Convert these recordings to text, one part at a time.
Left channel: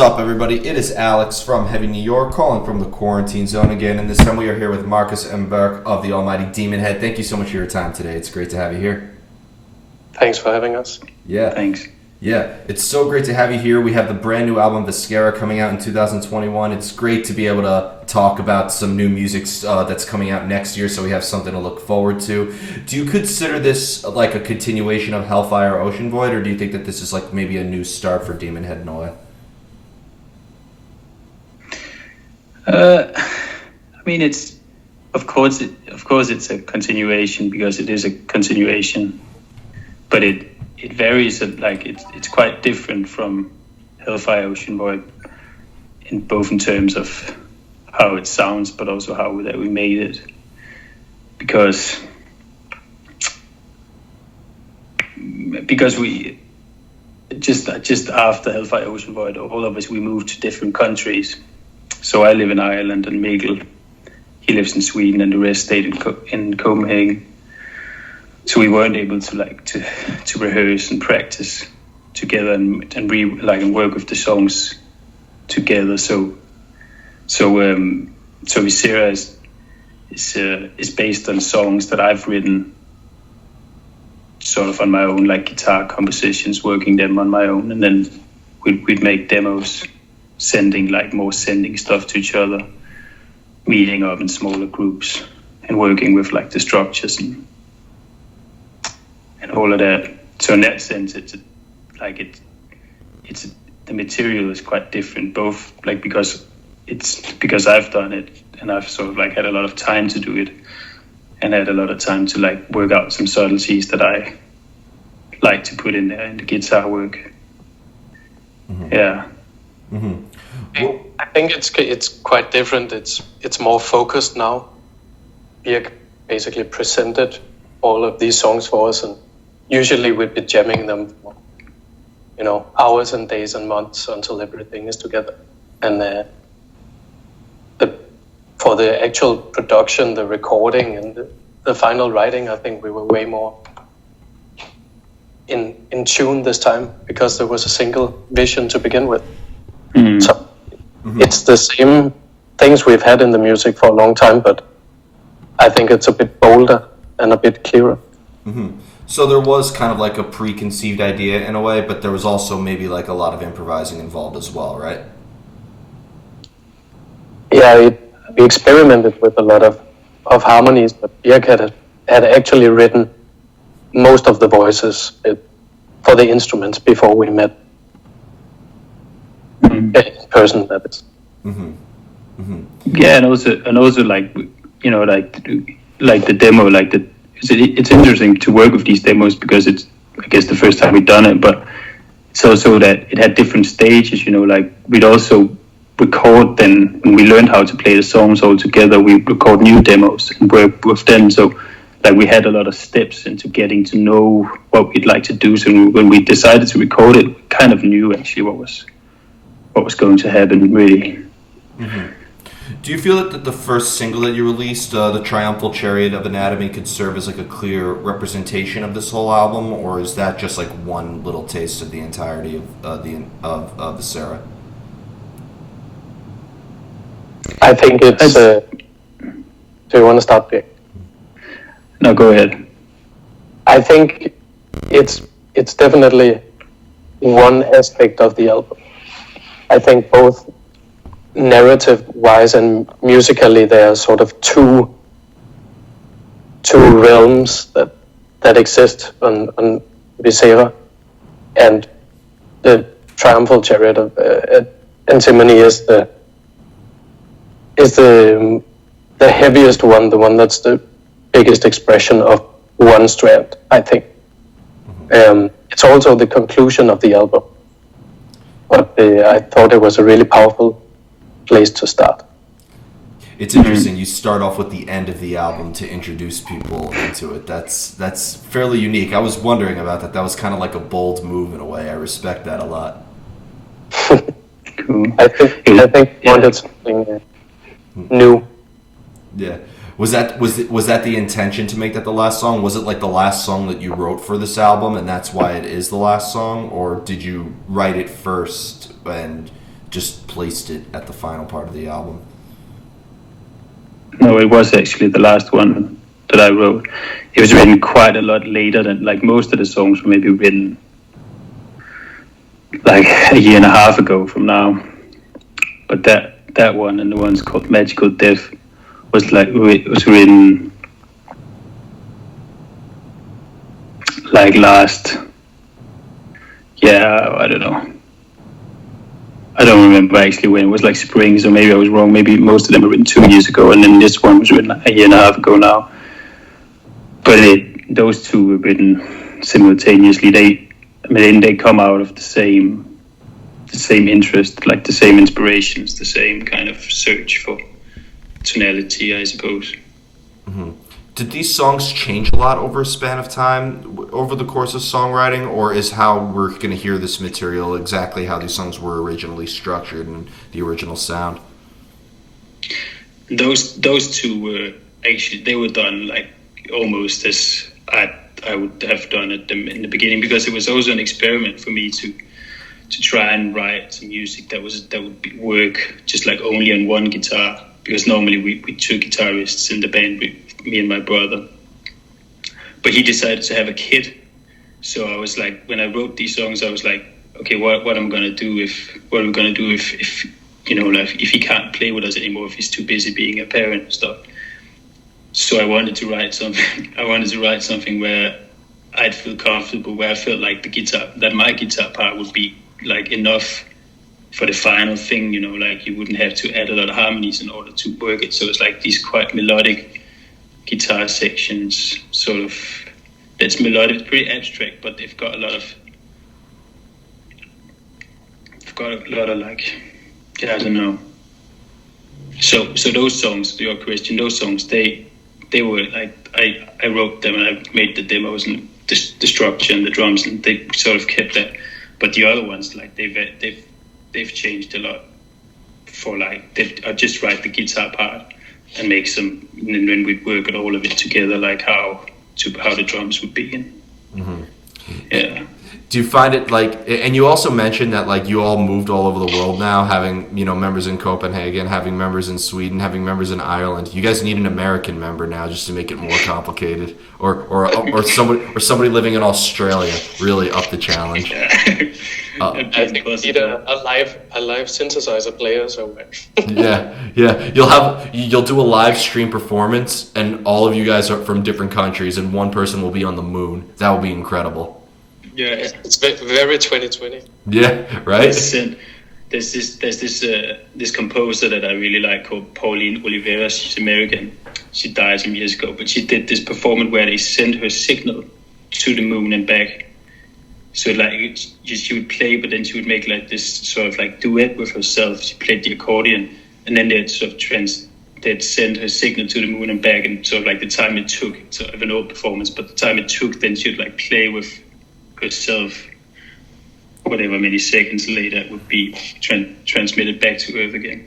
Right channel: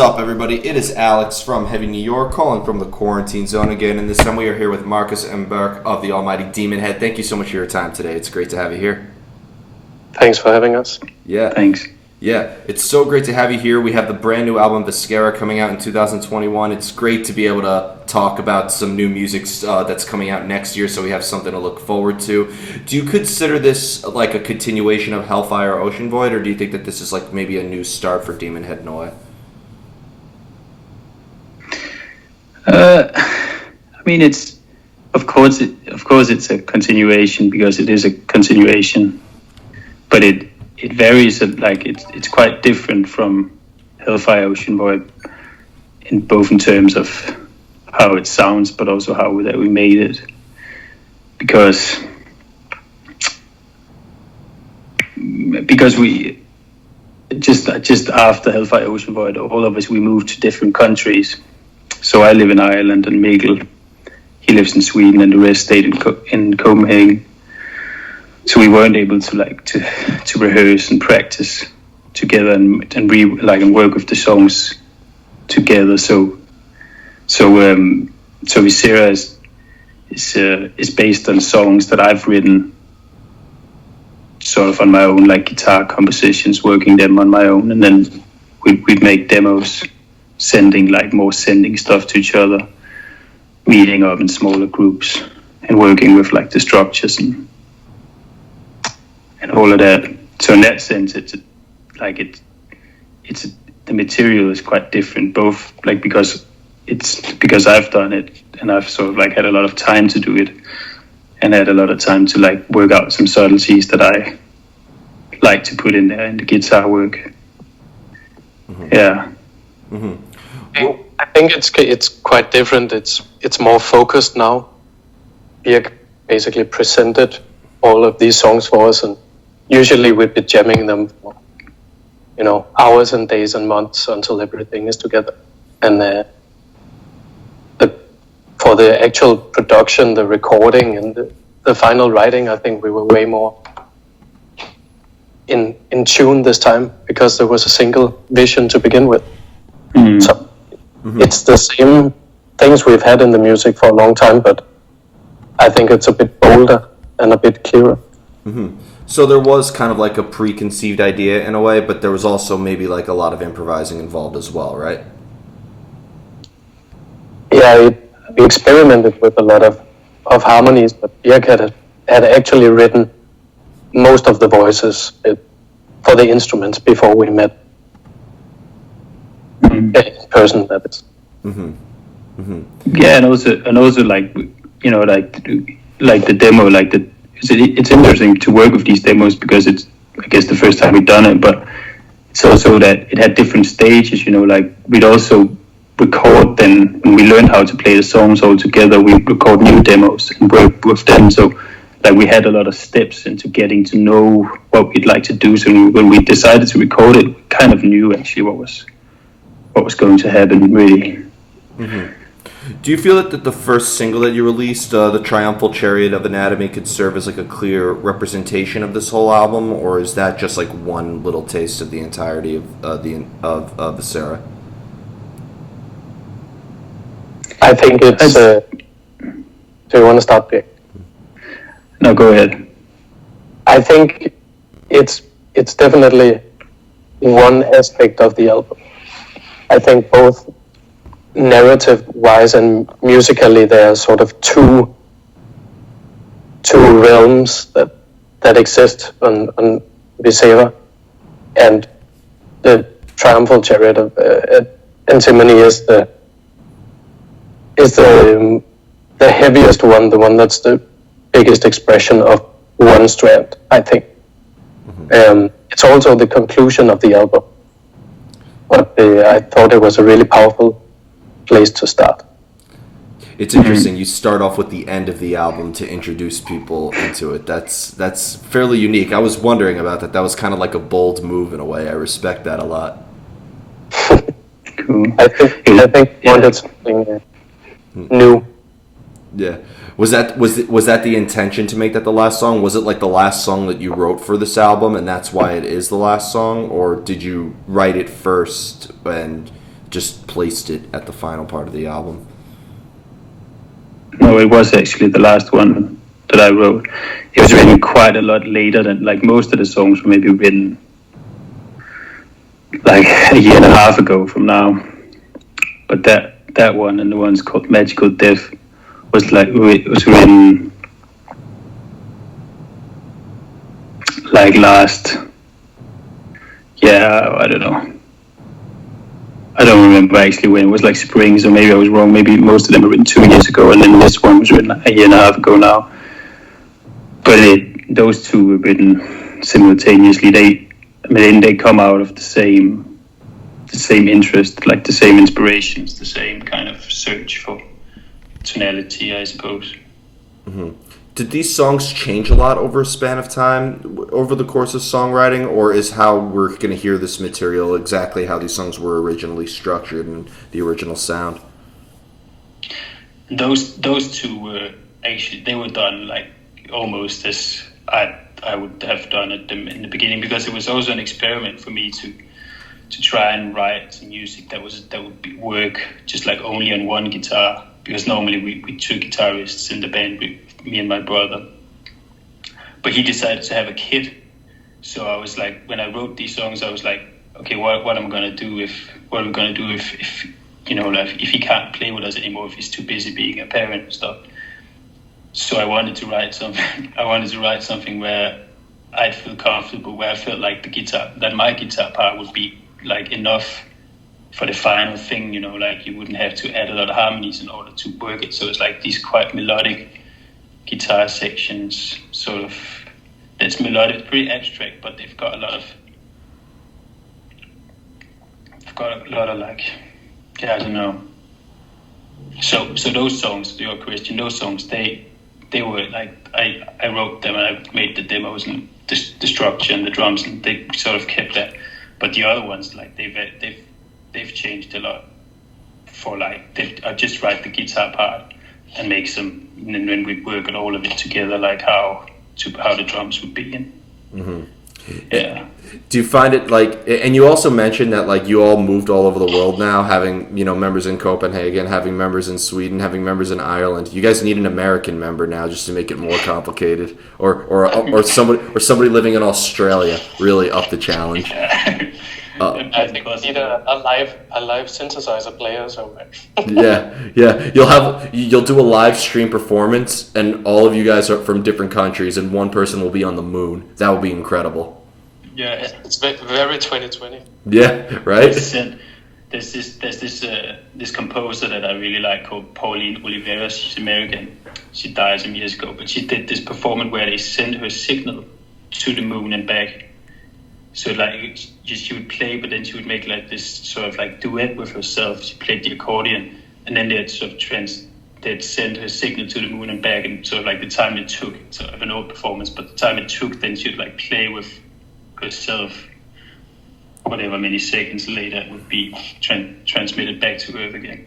up, everybody? It is Alex from Heavy New York, calling from the quarantine zone again, and this time we are here with Marcus and Burke of the Almighty Demon Head. Thank you so much for your time today. It's great to have you here. Thanks for having us. Yeah. Thanks. Yeah, it's so great to have you here. We have the brand new album Viscera coming out in 2021. It's great to be able to talk about some new music that's coming out next year, so we have something to look forward to. Do you consider this like a continuation of Hellfire or Ocean Void, or do you think that this is like maybe a new start for Demon Head in a way? I mean, it's of course it's a continuation because it is a continuation, but it varies. Like it's quite different from Hellfire Ocean Void in both in terms of how it sounds, but also how that we made it. Because we just after Hellfire Ocean Void, all of us we moved to different countries. So I live in Ireland, and Mikkel, he lives in Sweden, and the rest stayed in Copenhagen. So we weren't able to rehearse and practice together and work with the songs together. So Viscera is based on songs that I've written sort of on my own, like guitar compositions, working them on my own, and then we'd make demos, sending stuff to each other, meeting up in smaller groups and working with like the structures and all of that. So in that sense, the material is quite different, both like because I've done it and I've sort of like had a lot of time to do it and had a lot of time to like work out some subtleties that I like to put in there in the guitar work. Mm-hmm. Yeah. Mm-hmm. Well, I think it's quite different. It's more focused now. Birk basically presented all of these songs for us, and usually we'd be jamming them for, hours and days and months until everything is together. And for the actual production, the recording, and the final writing, I think we were way more in tune this time because there was a single vision to begin with. Mm. So it's the same things we've had in the music for a long time, but I think it's a bit bolder and a bit clearer. Mm-hmm. So there was kind of like a preconceived idea in a way, but there was also maybe like a lot of improvising involved as well, right? Yeah, we experimented with a lot of harmonies, but Birk had actually written most of the voices for the instruments before we met. In person, that is. Mm-hmm. Mm-hmm. Yeah, and also like the demo, it's interesting to work with these demos because it's, I guess, the first time we've done it, but it's also that it had different stages. Like we'd also record then when we learned how to play the songs all together. We record new demos and work with them. So like we had a lot of steps into getting to know what we'd like to do. So when we decided to record it, we kind of knew actually what was going to happen, really. Mm-hmm. Do you feel that the first single that you released, The Triumphal Chariot of Anatomy, could serve as like a clear representation of this whole album, or is that just like one little taste of the entirety of Viscera? I think it's... do you want to start, Birk? No, go ahead. I think it's definitely one aspect of the album. I think both narrative-wise and musically, there are sort of two realms that exist on Viscera, and the Triumphal Chariot of Antimony is the heaviest one, the one that's the biggest expression of one strand, I think. It's also the conclusion of the album. But I thought it was a really powerful place to start. It's interesting. You start off with the end of the album to introduce people into it. That's fairly unique. I was wondering about that. That was kind of like a bold move in a way. I respect that a lot. Cool. I think we wanted something new. Yeah. Was that the intention to make that the last song? Was it like the last song that you wrote for this album, and that's why it is the last song, or did you write it first and just placed it at the final part of the album? No, it was actually the last one that I wrote. It was written quite a lot later than, like, most of the songs were maybe written like a year and a half ago from now. But that one and the ones called Magical Death was written like last, I don't know. I don't remember actually when. It was like spring, so maybe I was wrong. Maybe most of them were written 2 years ago, and then this one was written like a year and a half ago now. But those two were written simultaneously. They come out of the same interest, like the same inspirations, the same kind of search for tonality, I suppose. Mm-hmm. Did these songs change a lot over a span of time, over the course of songwriting, or is how we're going to hear this material exactly how these songs were originally structured and the original sound? Those two were actually, they were done like almost as I would have done it in the beginning, because it was also an experiment for me to try and write some music that would work just like only on one guitar, because normally we two guitarists in the band, me and my brother, but he decided to have a kid. So I was like, when I wrote these songs, I was like, okay, what am I gonna do if you know, like, if he can't play with us anymore, if he's too busy being a parent and stuff. So I wanted to write something where I'd feel comfortable, where I felt like my guitar part would be like enough for the final thing, you know, like you wouldn't have to add a lot of harmonies in order to work it. So it's like these quite melodic guitar sections, sort of, that's melodic, pretty abstract, but they've got a lot of like, I don't know. So those songs, to your question, those songs, they were like, I wrote them and I made the demos and the structure and the drums, and they sort of kept that. But the other ones, like they've changed a lot. For like, I just write the guitar part and make some, and then we work on all of it together, like how the drums would be in. Mm-hmm. Yeah. Do you find it like, and you also mentioned that like you all moved all over the world now, having, you know, members in Copenhagen, having members in Sweden, having members in Ireland. You guys need an American member now just to make it more complicated, or somebody living in Australia, really up the challenge. I think we need a live synthesizer player somewhere. yeah. You'll do a live stream performance, and all of you guys are from different countries, and one person will be on the moon. That would be incredible. Yeah, it's very 2020. Yeah, right. There's this composer that I really like called Pauline Olivera. She's American. She died some years ago, but she did this performance where they sent her signal to the moon and back. So like she would play, but then she would make like this sort of like duet with herself. She played the accordion, and then they'd send her signal to the moon and back, and sort of like the time it took, sort of an old performance, but the time it took, then she would like play with herself. Whatever many seconds later, it would be transmitted back to Earth again.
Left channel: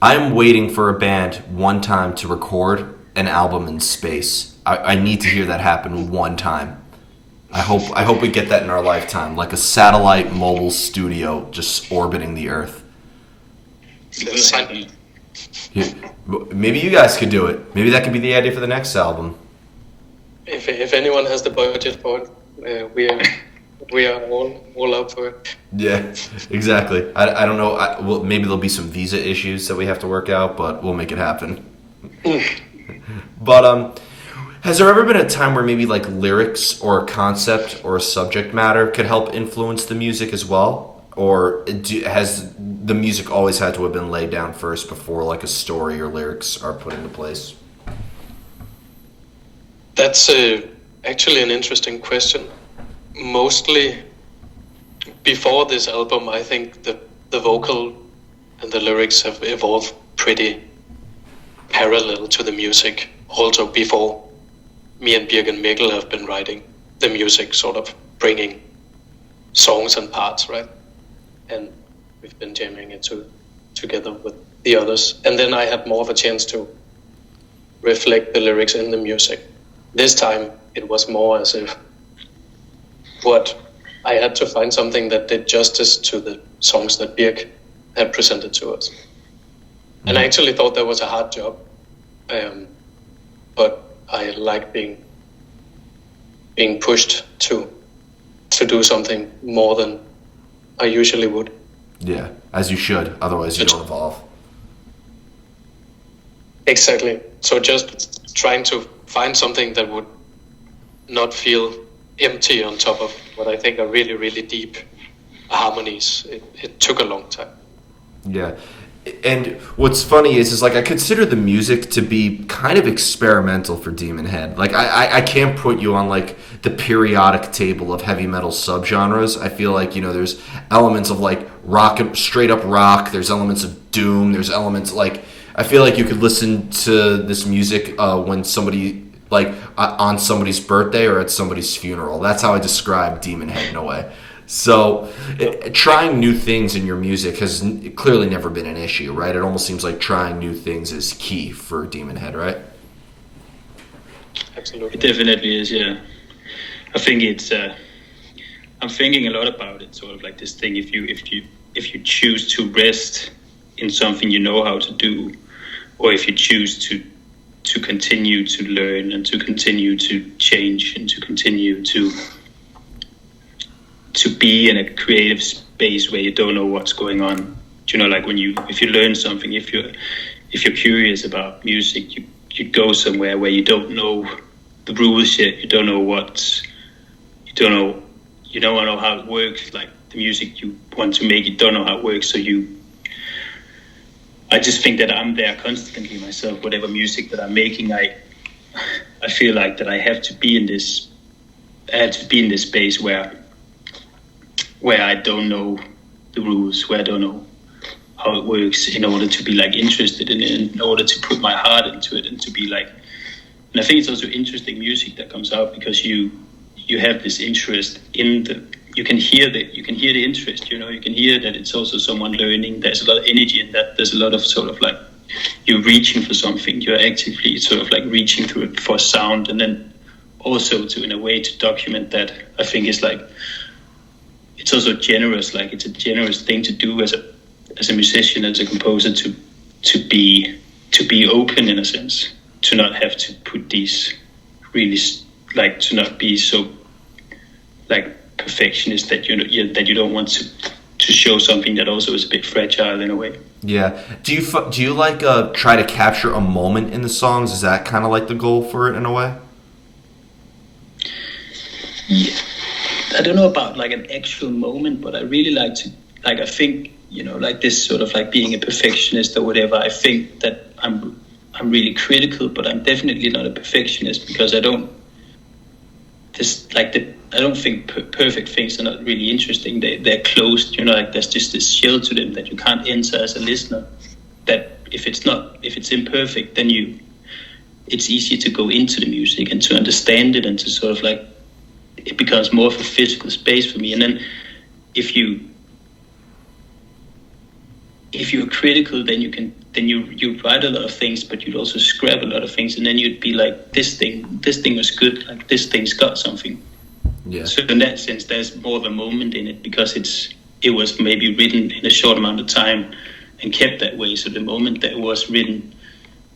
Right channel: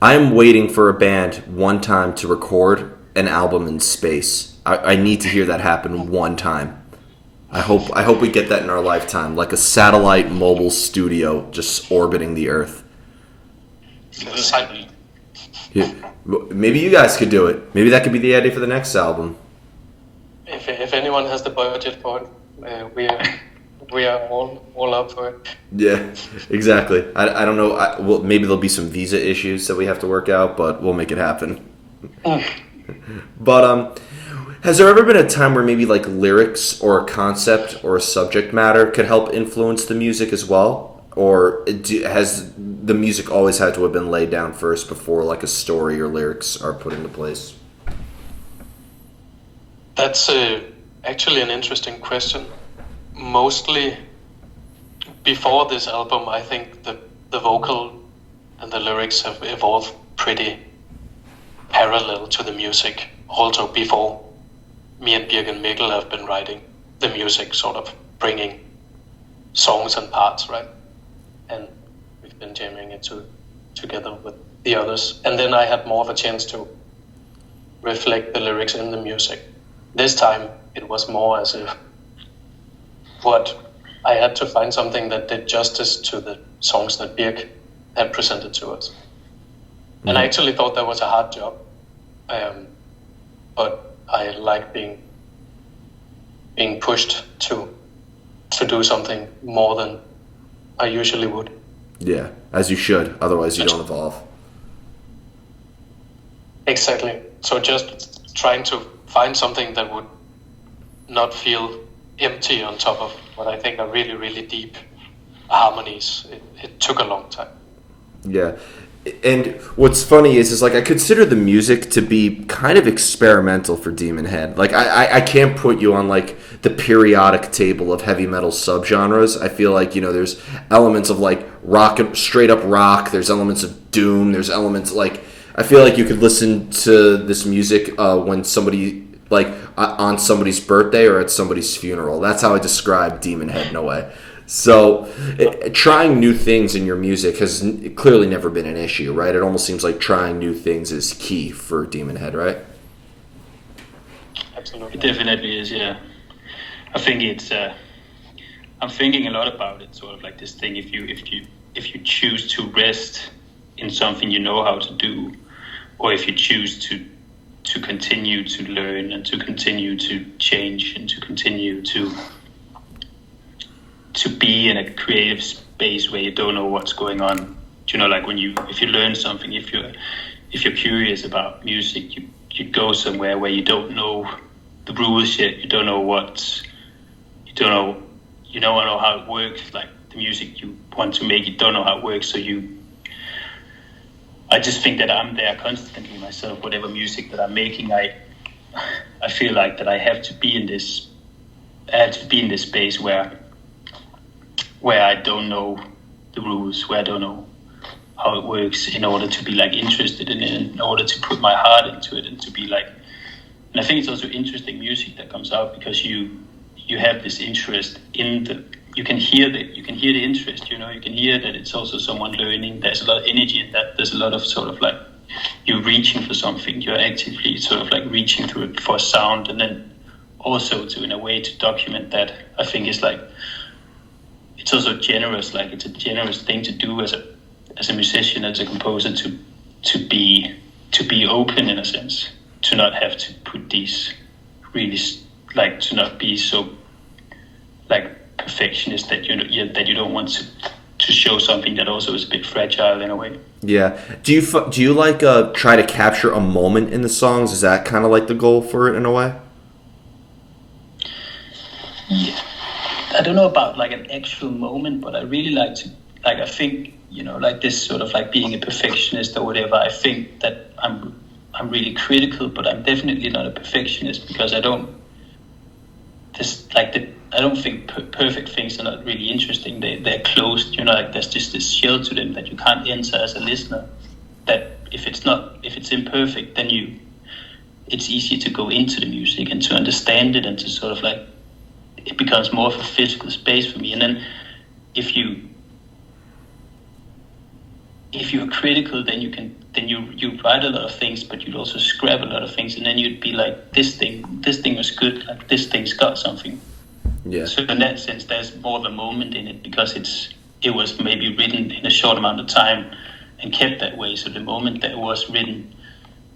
I'm waiting for a band one time to record an album in space. I need to hear that happen one time. I hope we get that in our lifetime, like a satellite mobile studio just orbiting the Earth. Yeah. Maybe you guys could do it. Maybe that could be the idea for the next album. If anyone has the budget for it, we are all up for it. Yeah, exactly. I don't know. Well, maybe there'll be some visa issues that we have to work out, but we'll make it happen. But has there ever been a time where maybe like lyrics or a concept or a subject matter could help influence the music as well? Or has the music always had to have been laid down first before like a story or lyrics are put into place? That's actually an interesting question. Mostly before this album, I think the vocal and the lyrics have evolved pretty parallel to the music. Also before me and Birk and Mikkel have been writing the music, sort of bringing songs and parts, right? And we've been jamming it together with the others. And then I had more of a chance to reflect the lyrics in the music. This time it was more as if what I had to find something that did justice to the songs that Birk had presented to us. And I actually thought that was a hard job, but I like being pushed to do something more than I usually would. Yeah, as you should. Otherwise, you don't evolve. Exactly. So just trying to find something that would not feel empty on top of what I think are really, really deep harmonies. It took a long time. Yeah. And what's funny is like I consider the music to be kind of experimental for Demon Head. Like I can't put you on like the periodic table of heavy metal subgenres. I feel like, there's elements of like rock, straight up rock. There's elements of doom. There's elements like I feel like you could listen to this music when somebody like on somebody's birthday or at somebody's funeral. That's how I describe Demon Head in a way. So, trying new things in your music has clearly never been an issue, right? It almost seems like trying new things is key for Demon Head, right? Absolutely. It definitely is, yeah. I think it's. I'm thinking a lot about it, sort of like this thing. If you choose to rest in something you know how to do, or if you choose to continue to learn and to continue to change and to continue to be in a creative space where you don't know what's going on. Like if you learn something, if you're curious about music, you go somewhere where you don't know the rules yet, you don't know how it works, like the music you want to make, you don't know how it works, so I just think that I'm there constantly myself, whatever music that I'm making, I feel like that I have to be in this space where I don't know the rules, where I don't know how it works, in order to be like interested in it, in order to put my heart into it, and to be like. And I think it's also interesting music that comes out because you have this interest in the. You can hear the interest. You can hear that it's also someone learning. There's a lot of energy in that. There's a lot of sort of like you're reaching for something. You're actively sort of like reaching through it for sound, and then also to in a way to document that. I think is like. It's also generous, like it's a generous thing to do as a musician, as a composer, to be open in a sense, to not have to put these really like to not be so like perfectionist that you don't want to show something that also is a bit fragile in a way. Yeah. Do you like try to capture a moment in the songs? Is that kind of like the goal for it in a way? Yeah. I don't know about like an actual moment, but I really like to, like, I think, like this sort of like being a perfectionist or whatever, I think that I'm really critical, but I'm definitely not a perfectionist because I don't think perfect things are not really interesting. They're closed, like there's just this shell to them that you can't enter as a listener, that if it's imperfect, then it's easier to go into the music and to understand it and to sort of like, it becomes more of a physical space for me. And then if you're critical, then you'd write a lot of things, but you'd also scrap a lot of things, and then you'd be like, this thing was good, like this thing's got something. Yeah. So in that sense, there's more of a moment in it because it was maybe written in a short amount of time and kept that way. So the moment that it was written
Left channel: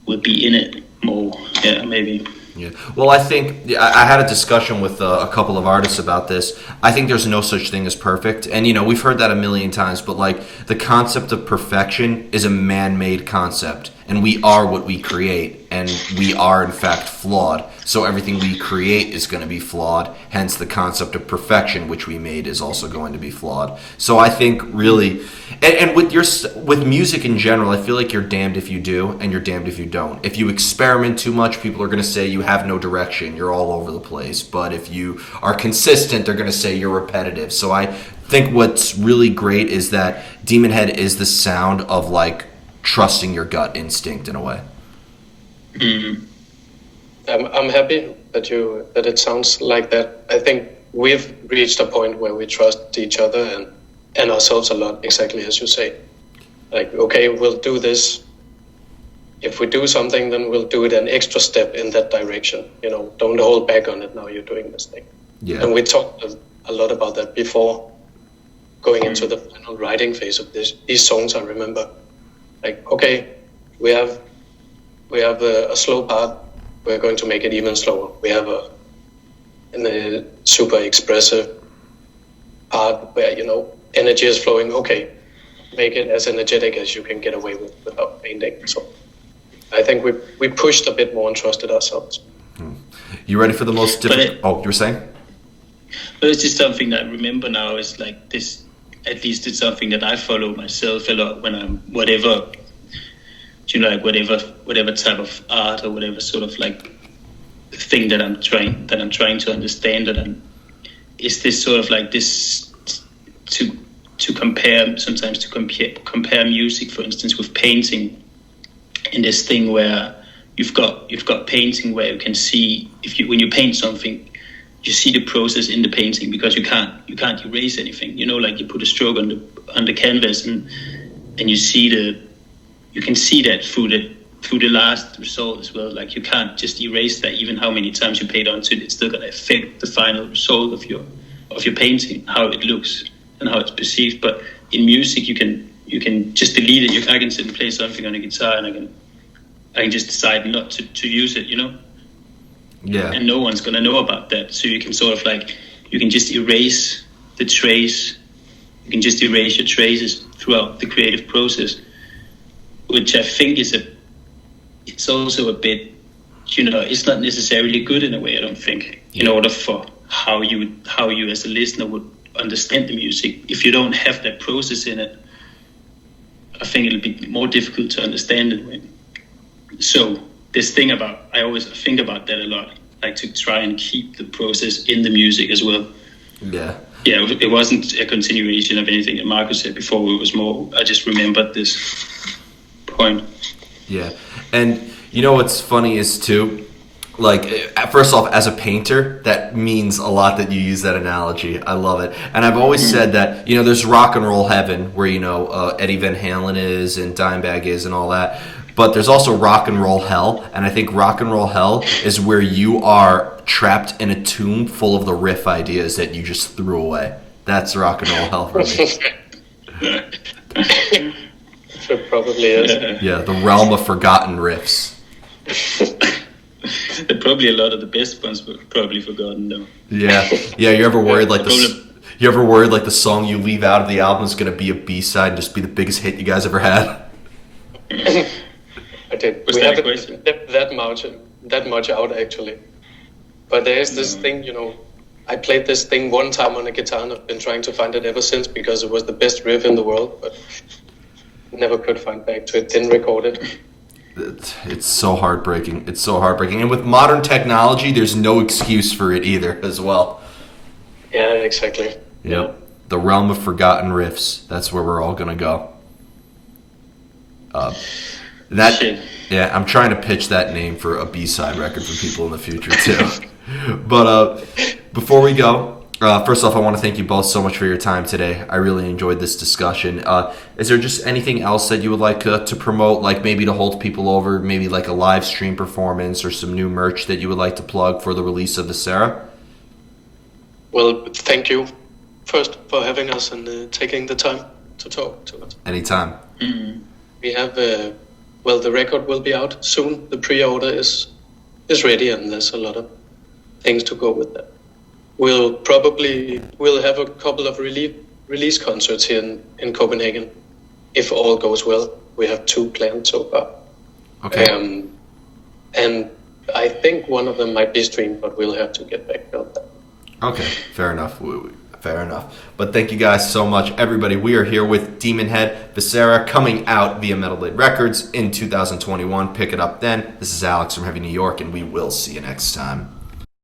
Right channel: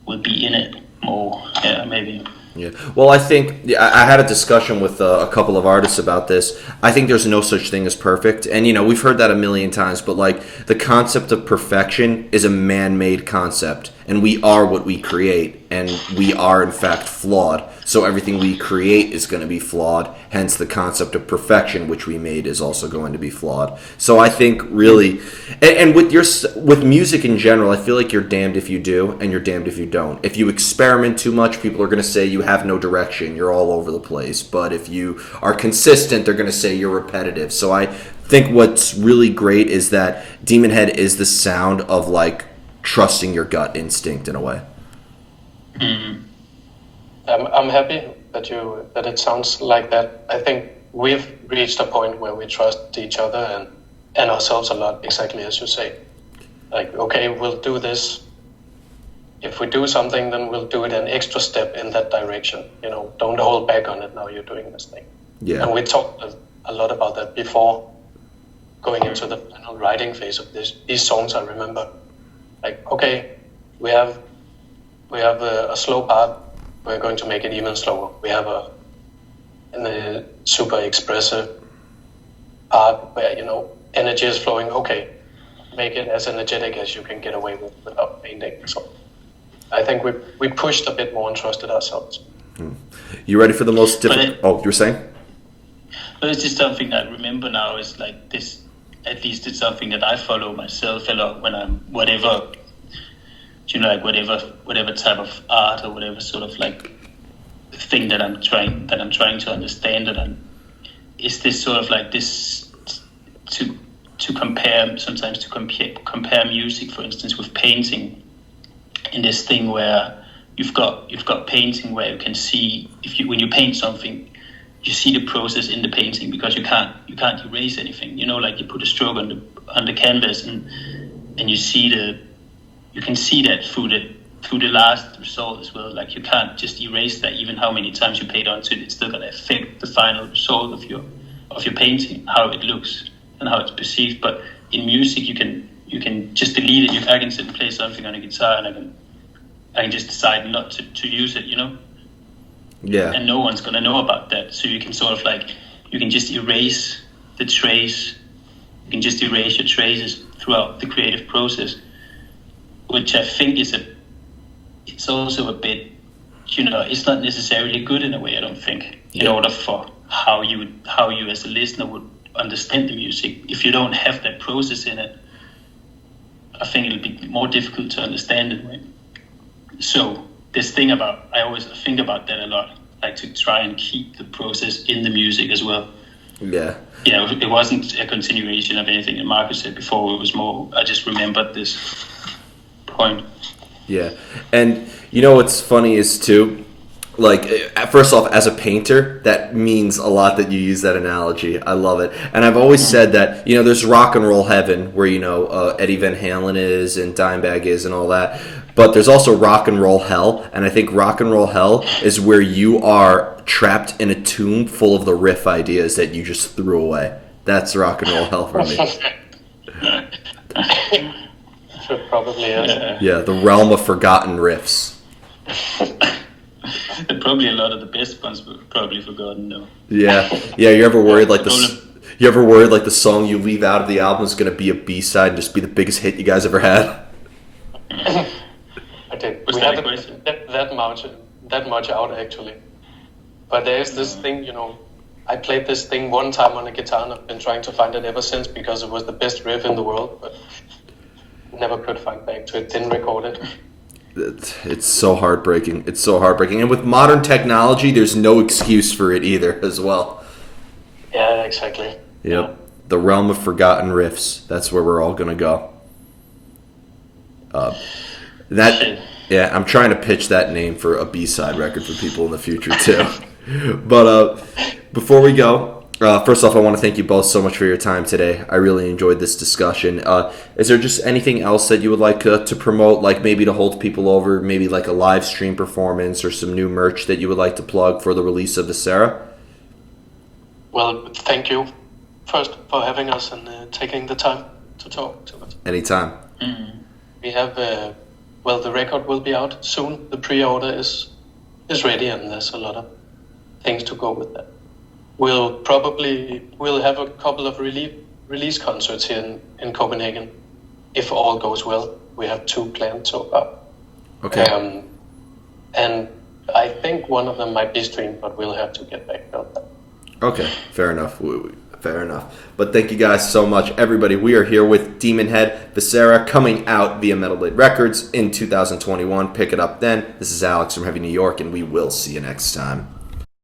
would be in it more. Yeah, maybe. Yeah. Well, I think I had a discussion with a couple of artists about this. I think there's no such thing as perfect. And, we've heard that a million times, but like the concept of perfection is a man-made concept. And we are what we create. And we are, in fact, flawed. So everything we create is going to be flawed. Hence, the concept of perfection, which we made, is also going to be flawed. So I think really, and with music in general, I feel like you're damned if you do, and you're damned if you don't. If you experiment too much, people are going to say you have no direction. You're all over the place. But if you are consistent, they're going to say you're repetitive. So I think what's really great is that Demon Head is the sound of like trusting your gut instinct in a way. Mm-hmm. I'm happy that it sounds like that. I think we've reached a point where we trust each other and ourselves a lot, exactly as you say. Like, okay, we'll do this. If we do something, then we'll do it an extra step in that direction. Don't hold back on it. Now you're doing this thing. Yeah. And we talked a lot about that before going into the final writing phase of these songs. I remember, like, okay, we have a slow part. We're going to make it even slower. We have a super expressive part where, you know, energy is flowing. Okay, make it as energetic as you can get away with without painting. So I think we pushed a bit more and trusted ourselves. You ready for the most difficult? Oh, you were saying? But it's just something that I remember now is like this. At least it's something that I follow myself a lot when I'm whatever, you know, like whatever type of art or whatever sort of like thing that I'm trying to understand. Is this sort of like this to compare sometimes to compare music, for instance, with painting, in this thing where you've got painting where you can see when you paint something, you see the process in the painting because you can't erase anything. You know, like you put a stroke on the canvas and you can see that through the last result as well. Like you can't just erase that, even how many times you paint onto it. It's still gonna affect the final result of your painting, how it looks and how it's perceived. But in music, you can just delete it. I can sit and play something on a guitar and I can just decide not to use it. You know. Yeah. And no one's gonna know about that. So you can sort of like you can just erase the trace. You can just erase your traces throughout the creative process, which I think it's also a bit, you know, it's not necessarily good in a way. I don't think in order for how you as a listener would understand the music. If you don't have that process in it, I think it'll be more difficult to understand it. So this thing I always think about that a lot, like to try and keep the process in the music as well. Yeah. Yeah, it wasn't a continuation of anything that Marcus said before. It was more, I just remembered this point. Yeah. And you know what's funny is too, like, first off, as a painter, that means a lot that you use that analogy. I love it. And I've always said that, you know, there's rock and roll heaven where, you know, Eddie Van Halen is and Dimebag is and all that. But there's also rock and roll hell. And I think rock and roll hell is where you are trapped in a tomb full of the riff ideas that you just threw away. That's rock and roll hell for me. It probably is. Yeah, the realm of forgotten riffs. Probably a lot of the best ones were probably forgotten though. Yeah. You ever worried like the song you leave out of the album is going to be a B-side and just be the biggest hit you guys ever had? Okay, Was we that a haven't question? that much out actually. But there is this thing, you know, I played this thing one time on the guitar and I've been trying to find it ever since because it was the best riff in the world, but never could find back to it, didn't record it. It's so heartbreaking. It's so heartbreaking. And with modern technology, there's no excuse for it either as well. Yeah, exactly. Yep. The realm of forgotten riffs. That's where we're all going to go. I'm trying to pitch that name for a B-side record for people in the future too. But before we go, first off, I want to thank you both so much for your time today. I really enjoyed this discussion. Is there just anything else that you would like to promote, like maybe to hold people over, maybe like a live stream performance or some new merch that you would like to plug for the release of Viscera? Well, thank you first for having us and taking the time to talk to us. Anytime. Mm-hmm. We have, the record will be out soon. The pre-order is ready and there's a lot of things to go with that. We'll have a couple of release concerts here in Copenhagen, if all goes well. We have 2 planned so far. Okay. And I think one of them might be streamed, but we'll have to get back on that. Okay, fair enough. Fair enough. But thank you guys so much. Everybody, we are here with Demon Head, Viscera, coming out via Metal Blade Records in 2021. Pick it up then. This is Alex from Heavy New York, and we will see you next time.